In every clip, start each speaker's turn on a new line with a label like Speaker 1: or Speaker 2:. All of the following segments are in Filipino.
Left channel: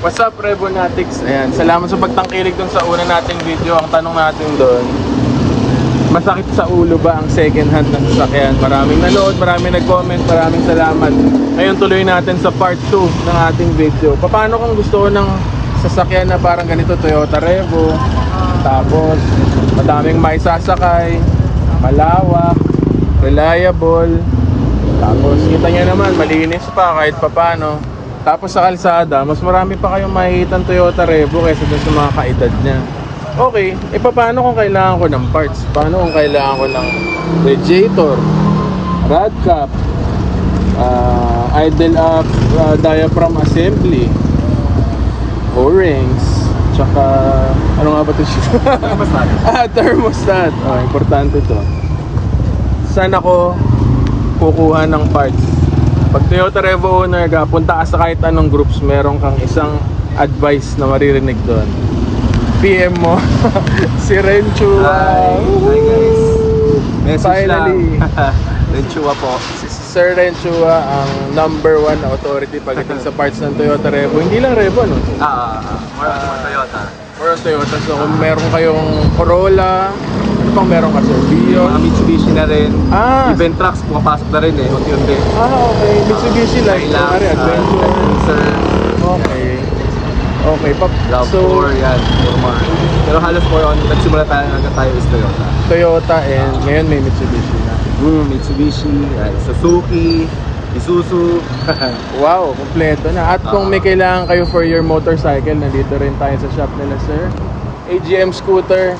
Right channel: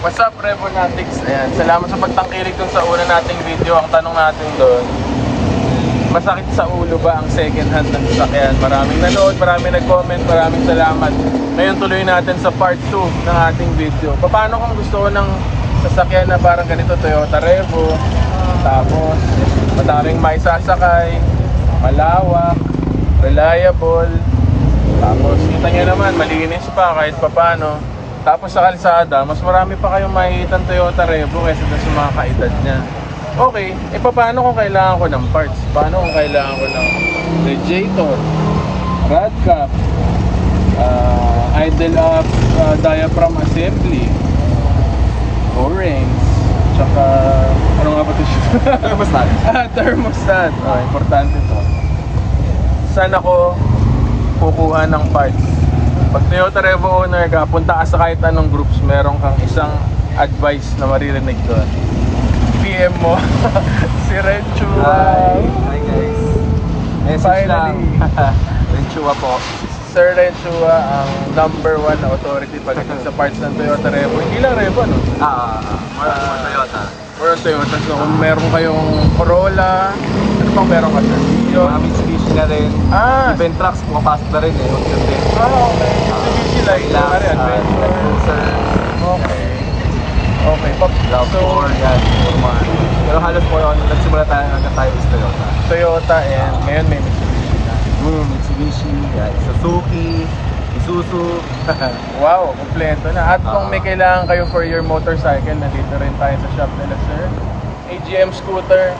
Speaker 1: What's up, Rebonatics? Ayan, salamat sa pagtangkilik dun sa una nating video. Ang tanong natin doon, masakit sa ulo ba ang second hand ng sasakyan? Maraming nanood, maraming nag-comment, maraming salamat. Ngayon tuloy natin sa part 2 ng ating video. Paano kung gusto ko ng sasakyan na parang ganito, Toyota Revo, tapos madaming may sasakay, malawak, reliable, tapos kita niya naman, malinis pa kahit papano. Tapos sa kalsada, mas marami pa kayong makikita Toyota Revo kaysa dun sa mga kaedad niya. Okay, e paano kung kailangan ko ng parts? Paano kung kailangan ko ng radiator, rod cap, uh, idle up, uh, diaphragm assembly, O-rings, tsaka ano nga ba ito siya? ah, thermostat. Ah, importante to. Saan ako kukuha ng parts? Pag Toyota Revo owner ka, punta ka sa kahit anong groups, meron kang isang advice na maririnig doon. PM mo, si Rencho.
Speaker 2: Hi, hi guys. Message
Speaker 1: Finally.
Speaker 2: lang. Renchua po.
Speaker 1: Si Sir Renchua ang number one authority pagdating sa parts ng Toyota Revo. Hindi lang Revo, no?
Speaker 2: Ah,
Speaker 1: Ah.
Speaker 2: Toyota.
Speaker 1: Or Toyota. So kung meron kayong Corolla, ano pang meron ka, Sir?
Speaker 2: Mga Mitsubishi na rin.
Speaker 1: Ah,
Speaker 2: Even trucks, pumapasok na rin eh. Mag-yungge.
Speaker 1: ah, okay. Mitsubishi lang. Adventure. Okay. Okay, pa.
Speaker 2: So, yan. Pero halos po yun, nagsimula tayo na tayo is Toyota.
Speaker 1: Toyota and ngayon may Mitsubishi na.
Speaker 2: Hmm, Mitsubishi, Suzuki, Isuzu.
Speaker 1: Wow, kompleto na. At kung may kailangan kayo for your motorcycle, nandito rin tayo sa shop nila sir. AGM scooter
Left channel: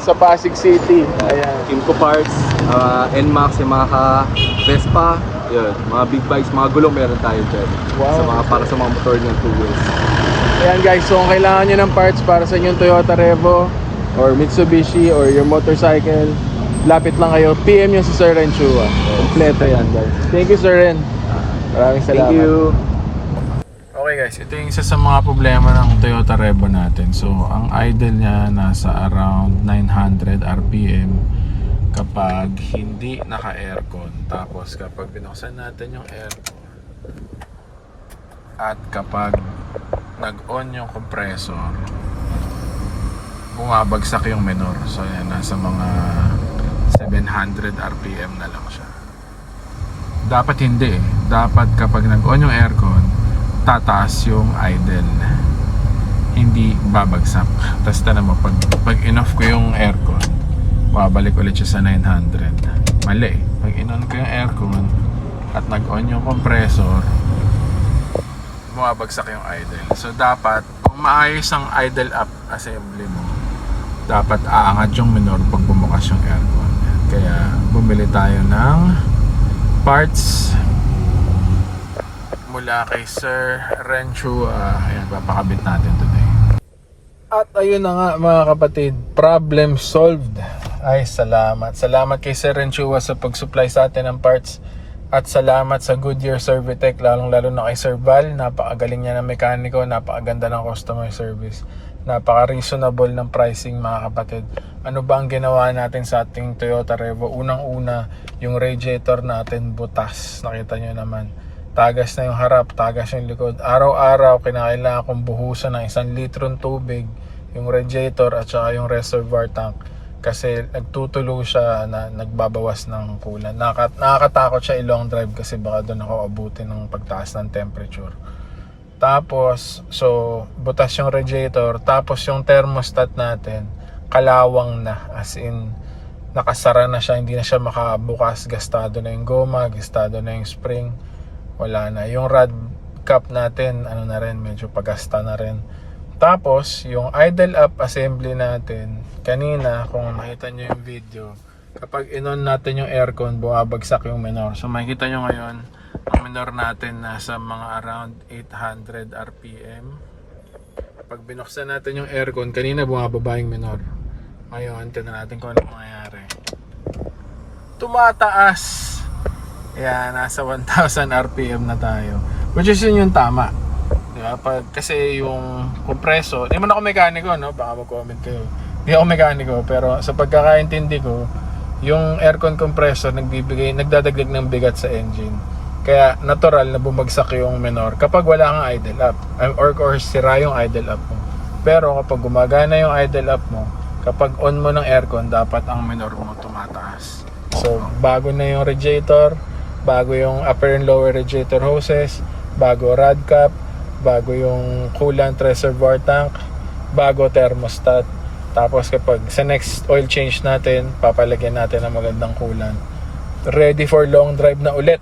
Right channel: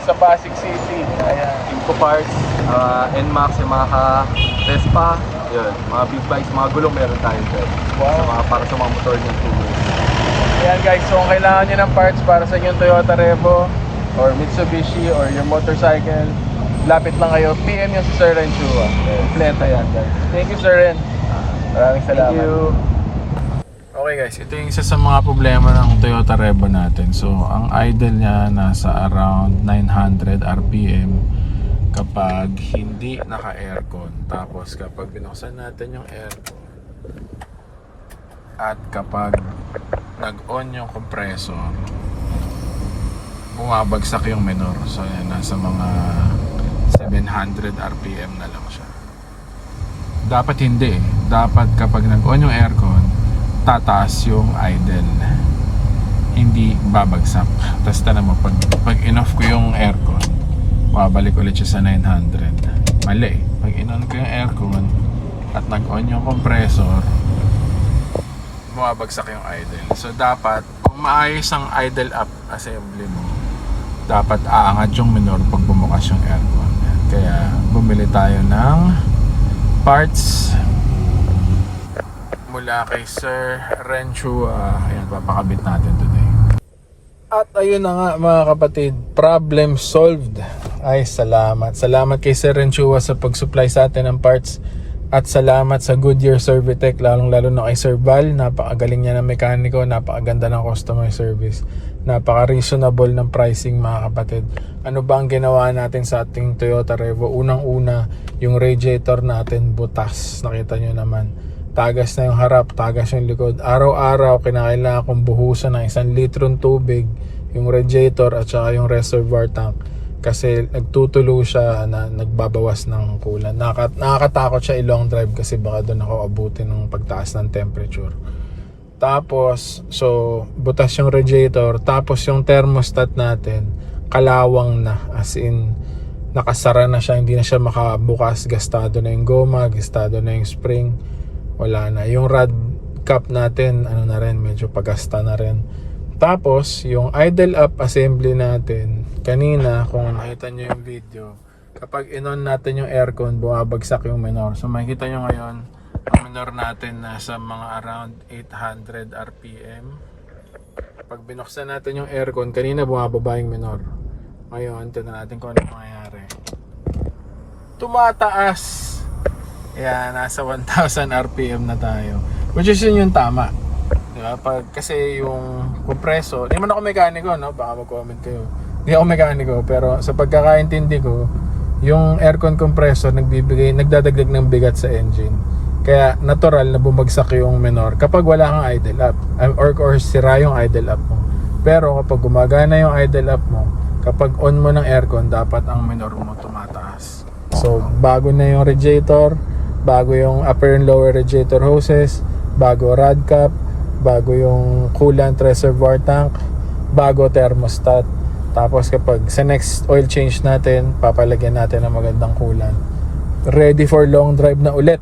Speaker 1: sa Pasig City. Ayan.
Speaker 2: Inco Parts, uh, NMAX, Yamaha, Vespa, yun, mga big bikes, mga gulong meron tayo dyan.
Speaker 1: Wow.
Speaker 2: Sa mga, para sa mga motor ng two wheels.
Speaker 1: Ayan guys, so kung kailangan nyo ng parts para sa inyong Toyota Revo or Mitsubishi or your motorcycle, lapit lang kayo. PM nyo si Sir Ren Chua. Kompleto yan guys. Thank you Sir Ren. Maraming salamat.
Speaker 2: Thank you.
Speaker 1: Okay guys, ito yung isa sa mga problema ng Toyota Revo natin. So, ang idle niya nasa around 900 RPM kapag hindi naka-aircon. Tapos kapag binuksan natin yung aircon at kapag nag-on yung compressor, bumabagsak yung minor. So, yan, nasa mga 700 RPM na lang siya. Dapat hindi eh. Dapat kapag nag-on yung aircon, tataas yung idle. Hindi babagsak. Tapos na naman, pag, pag in-off ko yung aircon, babalik ulit siya sa 900. Mali. Pag in-on ko yung aircon at nag-on yung compressor, bumabagsak yung idle. So dapat, kung maayos ang idle up assembly mo, dapat aangat yung minor pag bumukas yung aircon. Kaya bumili tayo ng parts mula kay Sir Renchua. Ayan, papakabit natin today. At ayun na nga mga kapatid, problem solved. Ay, salamat. Salamat kay Sir Renchua sa pag-supply sa atin ng parts. At salamat sa Goodyear Servitech, lalong lalo na kay Sir Val. Napakagaling niya ng mekaniko, napakaganda ng customer service. Napaka-reasonable ng pricing mga kapatid. Ano ba ang ginawa natin sa ating Toyota Revo? Unang-una, yung radiator natin butas. Nakita nyo naman tagas na yung harap, tagas yung likod. Araw-araw, kinakailangan kong buhusan ng isang litron tubig, yung radiator at saka yung reservoir tank. Kasi nagtutulo siya na nagbabawas ng kulan. Nakaka- nakakatakot siya i-long drive kasi baka doon ako abutin ng pagtaas ng temperature. Tapos, so, butas yung radiator. Tapos yung thermostat natin, kalawang na. As in, nakasara na siya. Hindi na siya makabukas. Gastado na yung goma, gastado na yung spring wala na. Yung rod cap natin, ano na rin, medyo pagasta na rin. Tapos, yung idle up assembly natin, kanina, kung nakita nyo yung video, kapag inon natin yung aircon, bumabagsak yung minor. So, makikita nyo ngayon, ang minor natin nasa mga around 800 RPM. Pag binuksan natin yung aircon, kanina bumababa yung minor. Ngayon, tingnan natin kung ano mangyayari. Tumataas! Kaya nasa 1,000 RPM na tayo. Which is yun yung tama. Diba? Pag, kasi yung compressor, hindi man ako mekaniko, no? Baka mag-comment kayo. Hindi ako mekaniko, pero sa pagkakaintindi ko, yung aircon compressor nagbibigay, nagdadagdag ng bigat sa engine. Kaya natural na bumagsak yung minor kapag wala kang idle up um, or, or sira yung idle up mo. Pero kapag gumagana yung idle up mo, kapag on mo ng aircon, dapat ang minor mo tumataas. So, bago na yung radiator, bago yung upper and lower radiator hoses, bago rad cap, bago yung coolant reservoir tank, bago thermostat. Tapos kapag sa next oil change natin, papalagyan natin ng magandang coolant. Ready for long drive na ulit.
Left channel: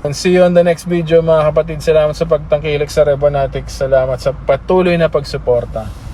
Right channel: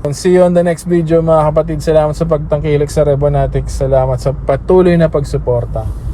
Speaker 1: And see you on the next video mga kapatid. Salamat sa pagtangkilik sa Rebonatics. Salamat sa patuloy na pagsuporta.